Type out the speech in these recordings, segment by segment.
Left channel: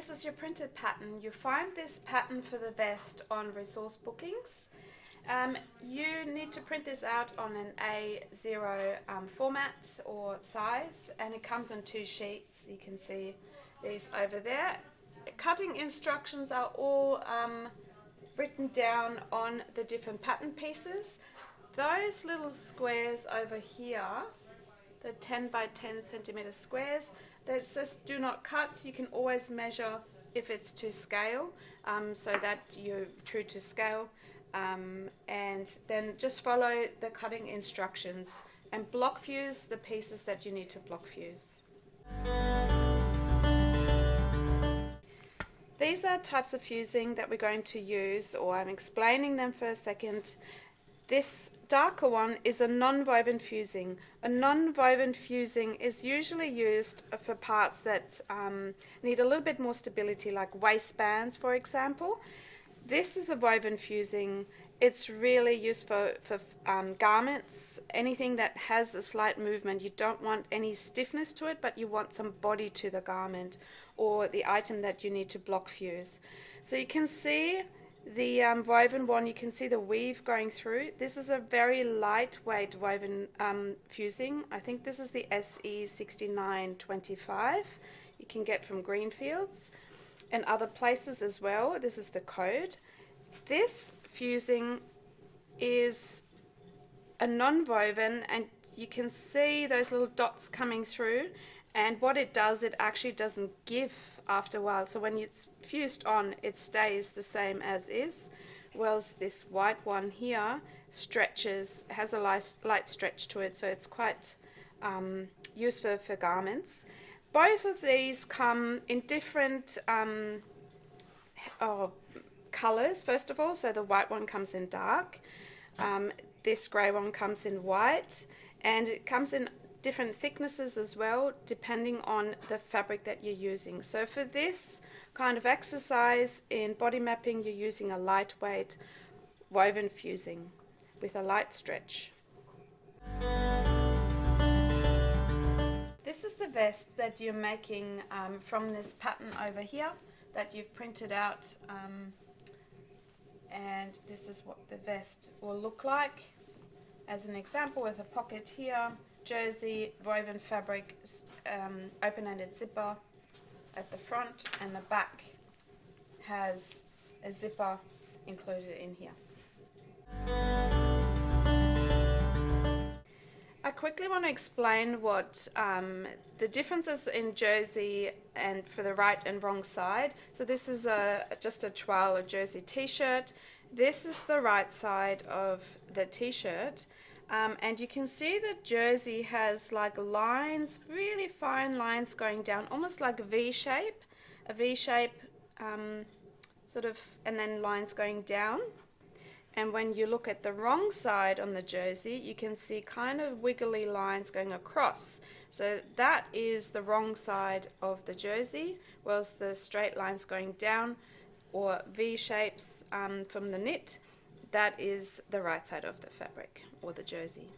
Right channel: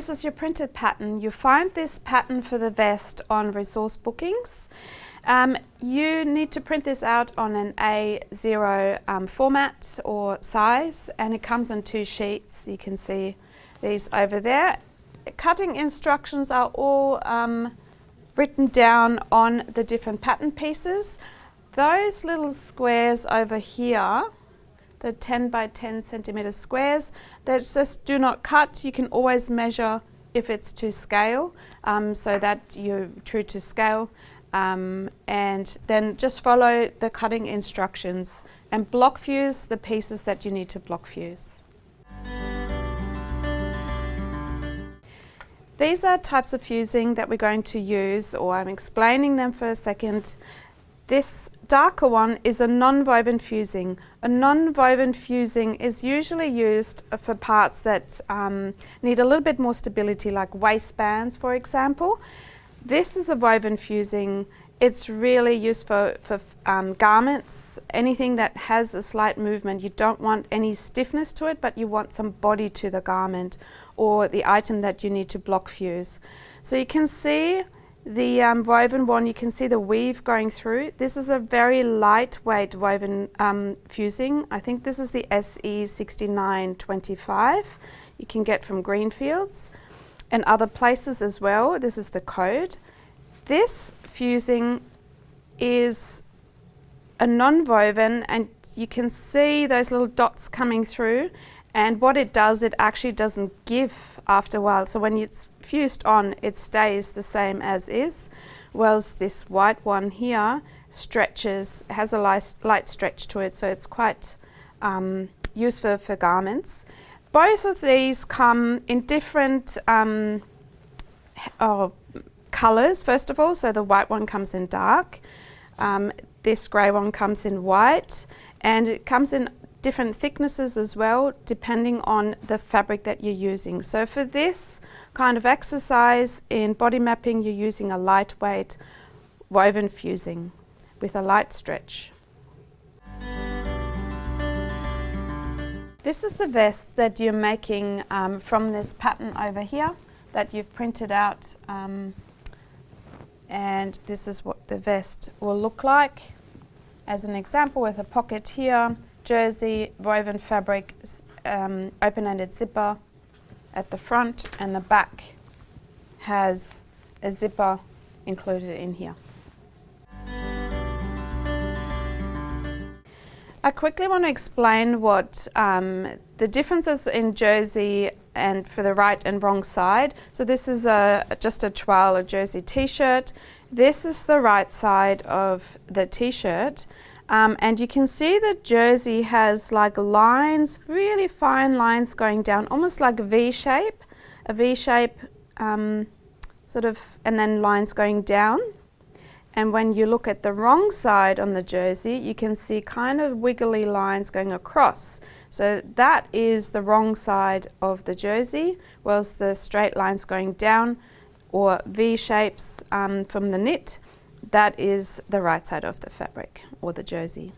this is your printed pattern. You find this pattern for the vest on resource bookings. You need to print this out on an A0 format or size, and it comes on 2 sheets. You can see these over there. Cutting instructions are all written down on the different pattern pieces. Those little squares over here, the 10 by 10 centimeter squares, that just do not cut. You can always measure if it's to scale, so that you're true to scale, and then just follow the cutting instructions and block fuse the pieces that you need to block fuse. These are types of fusing that we're going to use, or I'm explaining them for a second. This darker one is a non-woven fusing. A non-woven fusing is usually used for parts that need a little bit more stability, like waistbands, for example. This is a woven fusing. It's really used for garments, anything that has a slight movement. You don't want any stiffness to it, but you want some body to the garment or the item that you need to block fuse. So you can see the woven one, you can see the weave going through. This is a very lightweight woven fusing. I think this is the SE6925 you can get from Greenfields and other places as well. This is the code. This fusing is a non-woven, and you can see those little dots coming through, and what it does, it actually doesn't give after a while. So when it's fused on, it stays the same as is, whereas this white one here stretches, has a light stretch to it, so it's quite useful for garments. Both of these come in different colours, first of all. So the white one comes in dark, this grey one comes in white, and it comes in different thicknesses as well, depending on the fabric that you're using. So for this kind of exercise in body mapping, you're using a lightweight woven fusing with a light stretch. This is the vest that you're making from this pattern over here that you've printed out, and this is what the vest will look like. As an example, with a pocket here, jersey, woven fabric, open-ended zipper at the front, and the back has a zipper included in here. I quickly want to explain what the differences in jersey and for the right and wrong side. So this is just a toile, a jersey t-shirt. This is the right side of the t-shirt. And you can see the jersey has like lines, really fine lines going down, almost like a V-shape, sort of, and then lines going down. And when you look at the wrong side on the jersey, you can see kind of wiggly lines going across. So that is the wrong side of the jersey, whereas the straight lines going down, or V-shapes from the knit, that is the right side of the fabric or the jersey.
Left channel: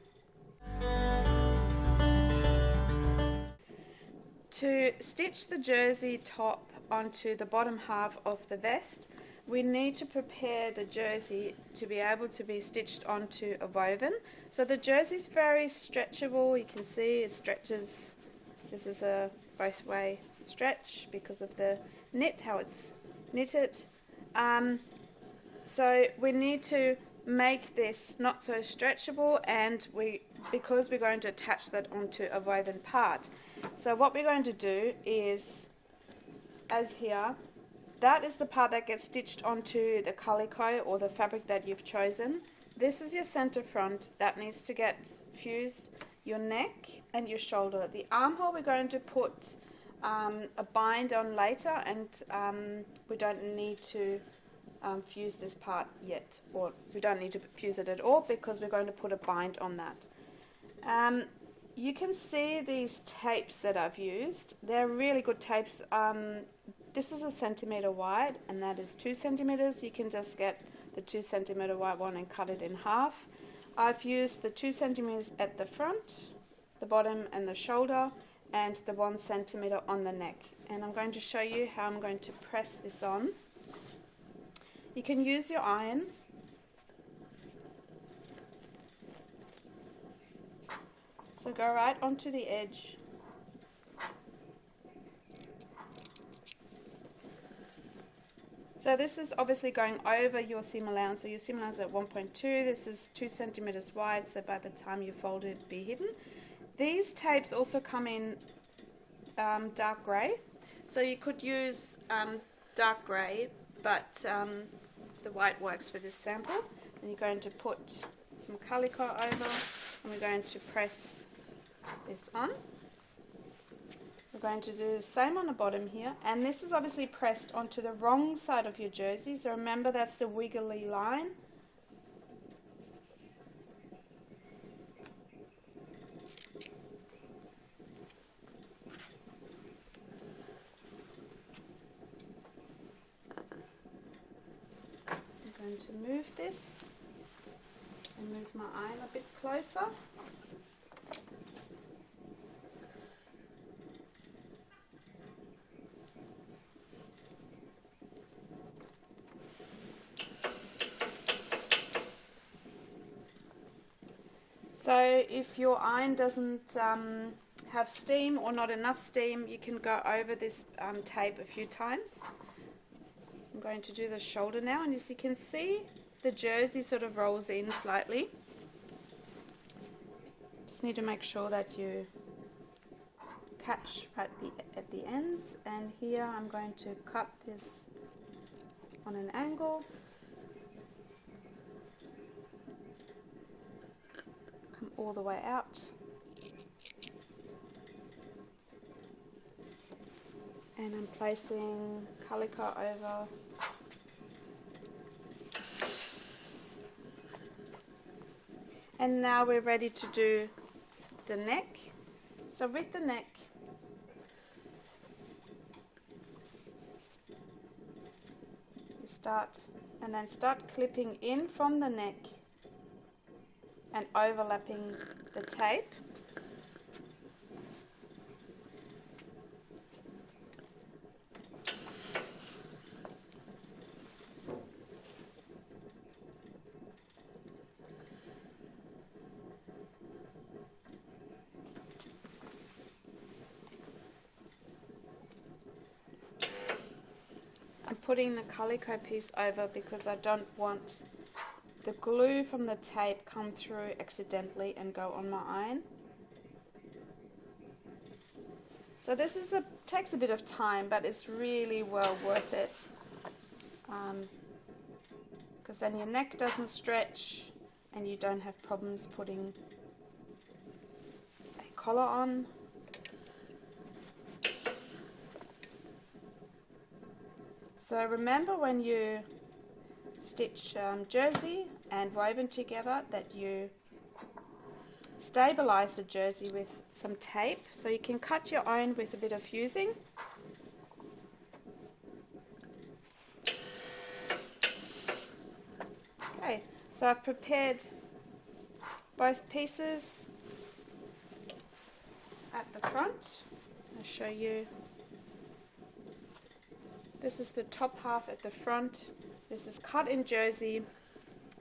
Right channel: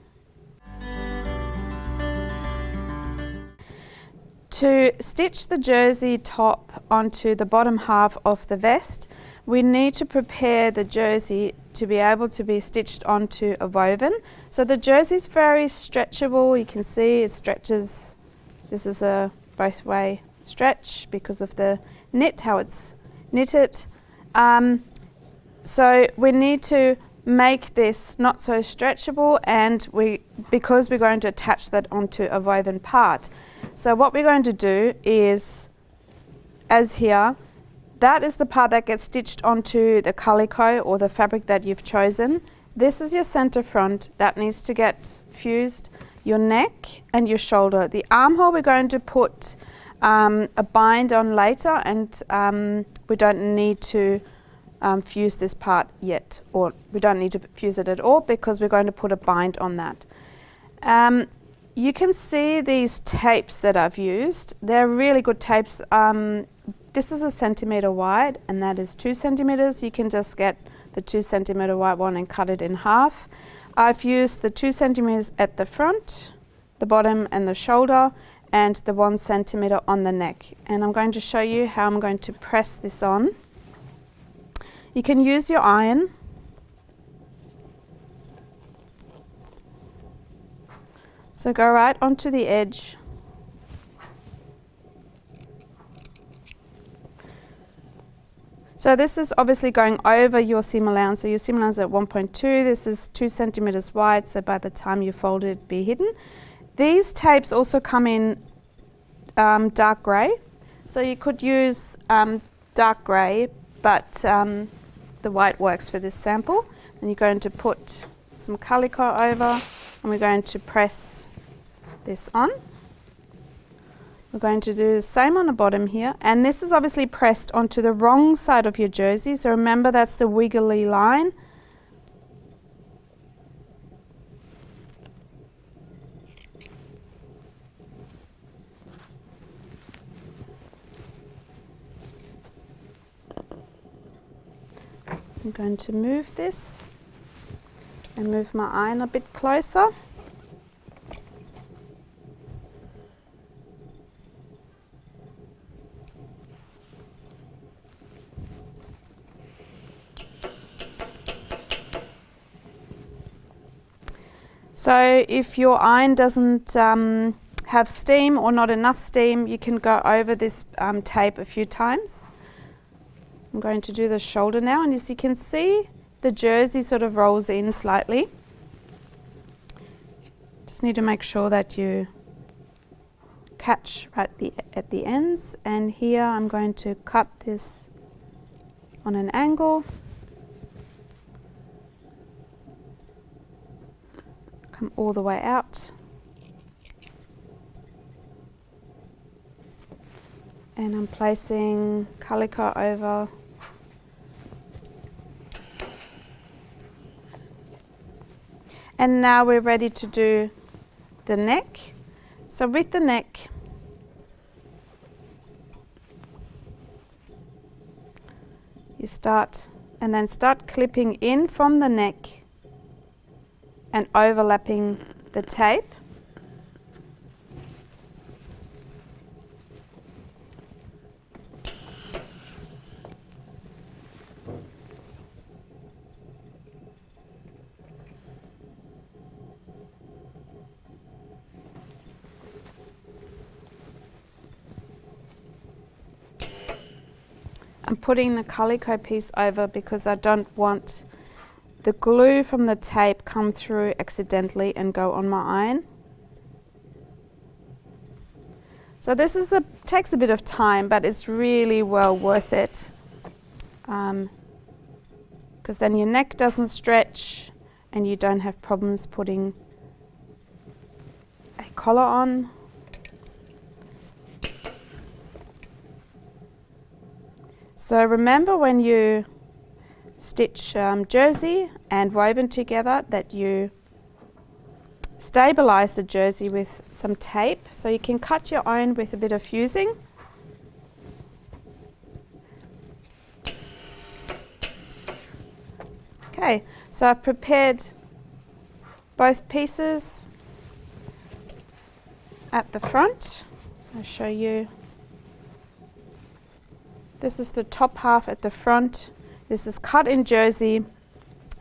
To stitch the jersey top onto the bottom half of the vest, we need to prepare the jersey to be able to be stitched onto a woven. So the jersey is very stretchable. You can see it stretches. This is a both way stretch because of the knit, how it's knitted. So we need to make this not so stretchable, and because we're going to attach that onto a woven part. So what we're going to do is, as here, that is the part that gets stitched onto the calico or the fabric that you've chosen. This is your center front that needs to get fused, your neck and your shoulder. The armhole we're going to put a bind on later, and we don't need to fuse this part yet, or we don't need to fuse it at all because we're going to put a bind on that. You can see these tapes that I've used. They're really good tapes. This is 1 centimeter wide, and that is 2 centimeters. You can just get the 2 centimeter wide one and cut it in half. I've used the 2 centimeters at the front, the bottom and the shoulder, and the 1 centimeter on the neck. And I'm going to show you how I'm going to press this on. You can use your iron. So go right onto the edge. So this is obviously going over your seam allowance. So your seam allowance is at 1.2. This is 2 centimeters wide, so by the time you fold it, it'll be hidden. These tapes also come in dark grey. So you could use dark grey, but the white works for this sample. Then you're going to put some calico over, and we're going to press this on. We're going to do the same on the bottom here, and this is obviously pressed onto the wrong side of your jersey, so remember that's the wiggly line. I'm going to move this and move my iron a bit closer. So if your iron doesn't have steam or not enough steam, you can go over this tape a few times. I'm going to do the shoulder now, and as you can see, the jersey sort of rolls in slightly. Just need to make sure that you catch right at the ends, and here I'm going to cut this on an angle. Come all the way out. And I'm placing calico over. And now we're ready to do the neck. So with the neck, you start clipping in from the neck and overlapping the tape. I'm putting the calico piece over because I don't want the glue from the tape come through accidentally and go on my iron. So this is takes a bit of time, but it's really well worth it, because then your neck doesn't stretch and you don't have problems putting a collar on. So remember, when you stitch jersey and woven together, that you stabilize the jersey with some tape. So you can cut your own with a bit of fusing. Okay, so I've prepared both pieces at the front. So I'll show you. This is the top half at the front. This is cut in jersey.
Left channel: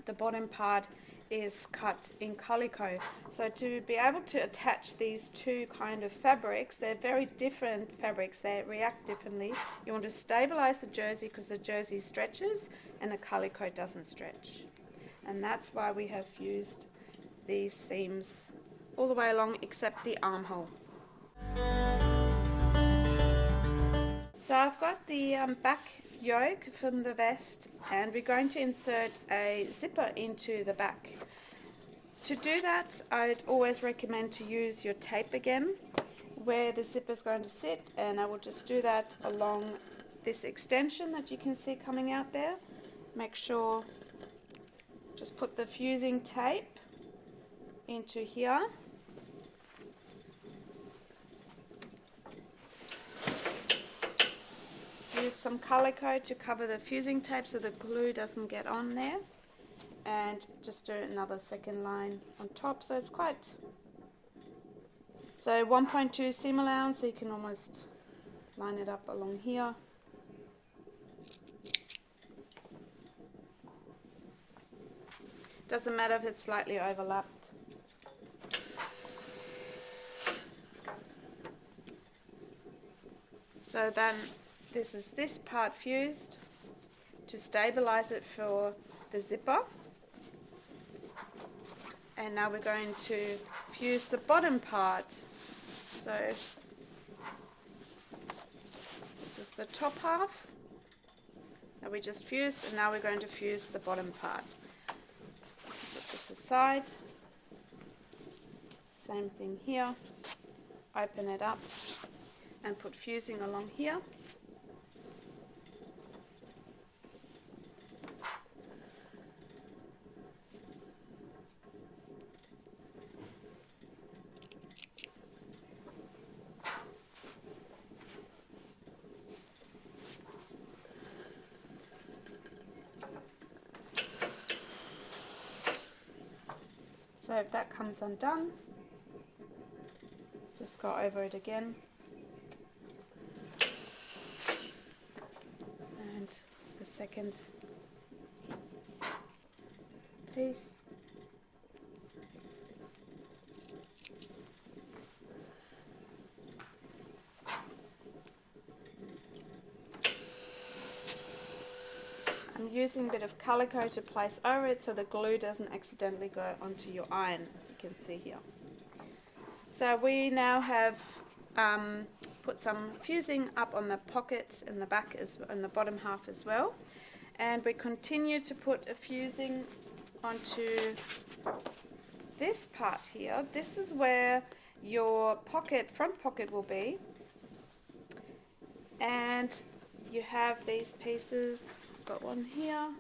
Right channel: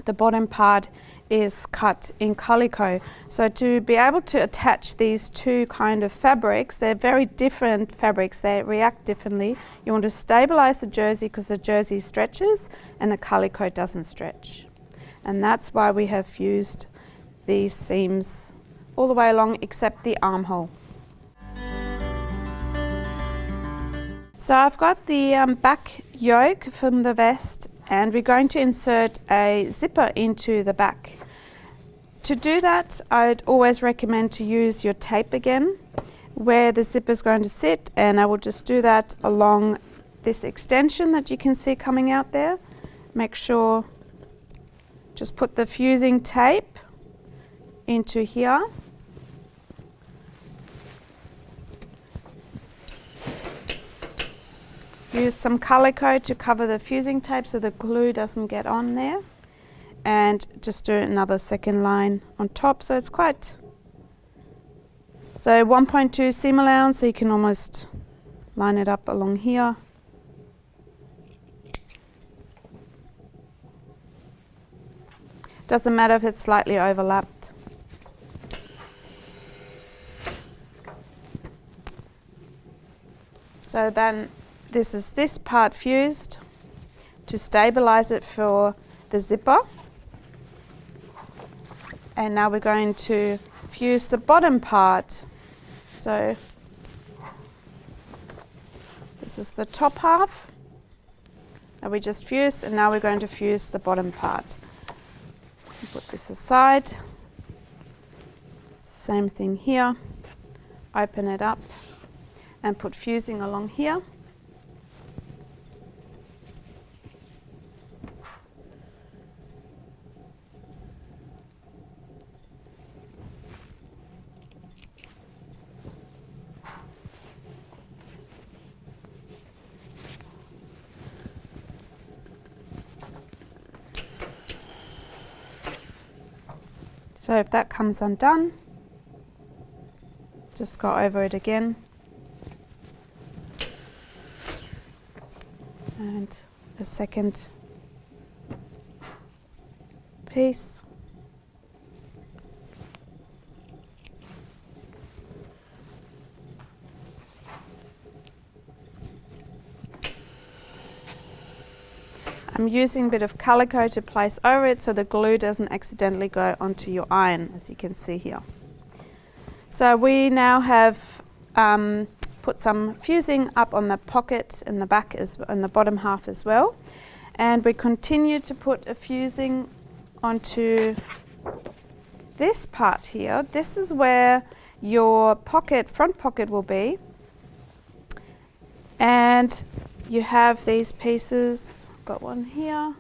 The bottom part is cut in calico. So to be able to attach these two kind of fabrics, they're very different fabrics. They react differently. You want to stabilize the jersey because the jersey stretches and the calico doesn't stretch. And that's why we have fused these seams all the way along except the armhole. So I've got the back yoke from the vest, and we're going to insert a zipper into the back. To do that, I'd always recommend to use your tape again where the zipper is going to sit, and I will just do that along this extension that you can see coming out there. Make sure, just put the fusing tape into here. Use some calico to cover the fusing tape so the glue doesn't get on there, and just do another second line on top, so it's quite So 1.2 seam allowance, so you can almost line it up along here. Doesn't matter if it's slightly overlapped. So then this is this part fused to stabilize it for the zipper. And now we're going to fuse the bottom part. So this is the top half that we just fused, and now we're going to fuse the bottom part. Put this aside. Same thing here. Open it up and put fusing along here. So if that comes undone, just go over it again. And the second piece. I'm using a bit of calico to place over it so the glue doesn't accidentally go onto your iron, as you can see here. So we now have put some fusing up on the pocket in the back and the bottom half as well. And we continue to put a fusing onto this part here. This is where your pocket, front pocket will be. And you have these pieces. Got one here,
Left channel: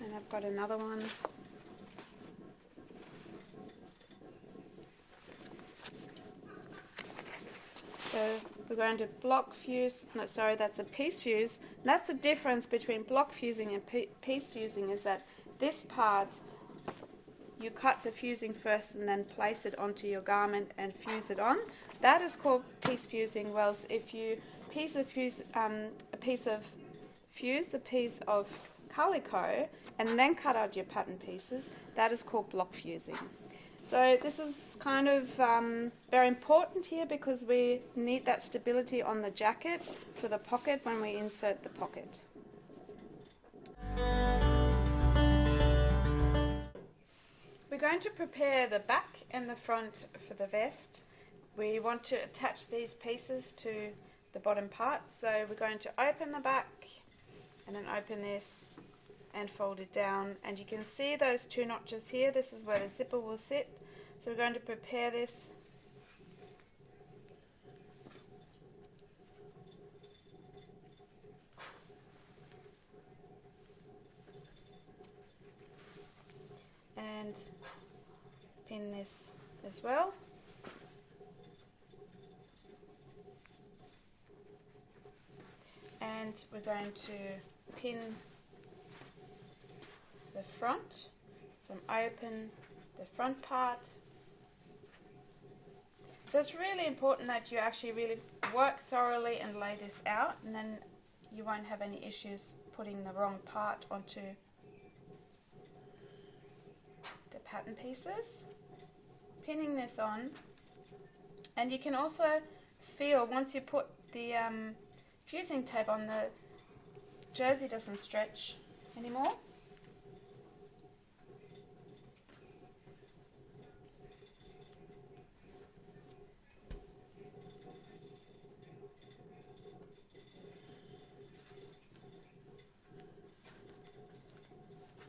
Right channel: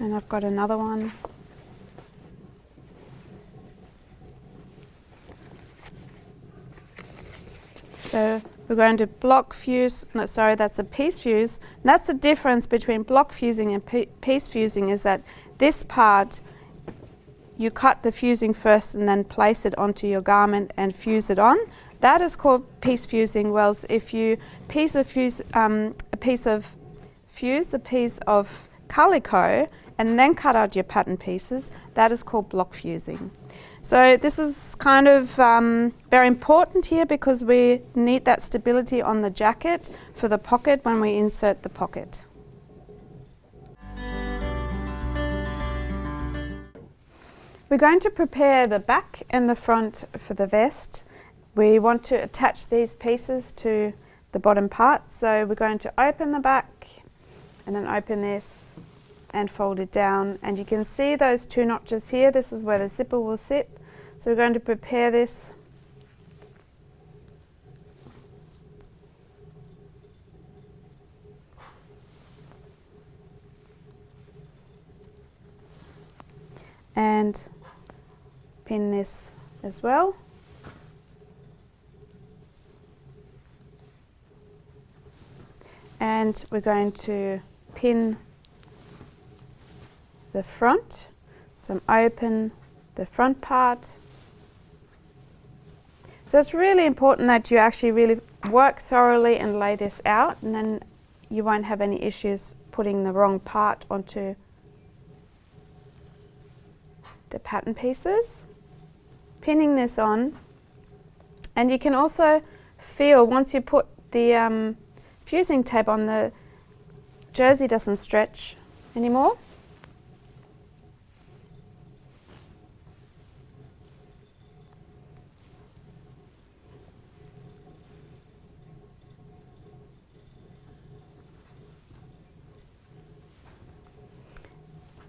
and I've got another one. So we're going to block fuse, no sorry, that's a piece fuse. And that's the difference between block fusing and piece fusing, is that this part you cut the fusing first and then place it onto your garment and fuse it on. That is called piece fusing. Whereas if you a piece of calico and then cut out your pattern pieces, that is called block fusing. So this is kind of very important here because we need that stability on the jacket for the pocket when we insert the pocket. We're going to prepare the back and the front for the vest. We want to attach these pieces to the bottom part, so we're going to open the back and then open this and fold it down, and you can see those two notches here. This is where the zipper will sit. So we're going to prepare this. And pin this as well. And we're going to pin the front. So open the front part. So it's really important that you actually really work thoroughly and lay this out, and then you won't have any issues putting the wrong part onto the pattern pieces. Pinning this on, and you can also feel once you put the fusing tape on, the jersey doesn't stretch anymore.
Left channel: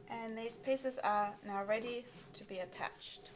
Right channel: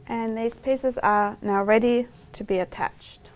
And these pieces are now ready to be attached.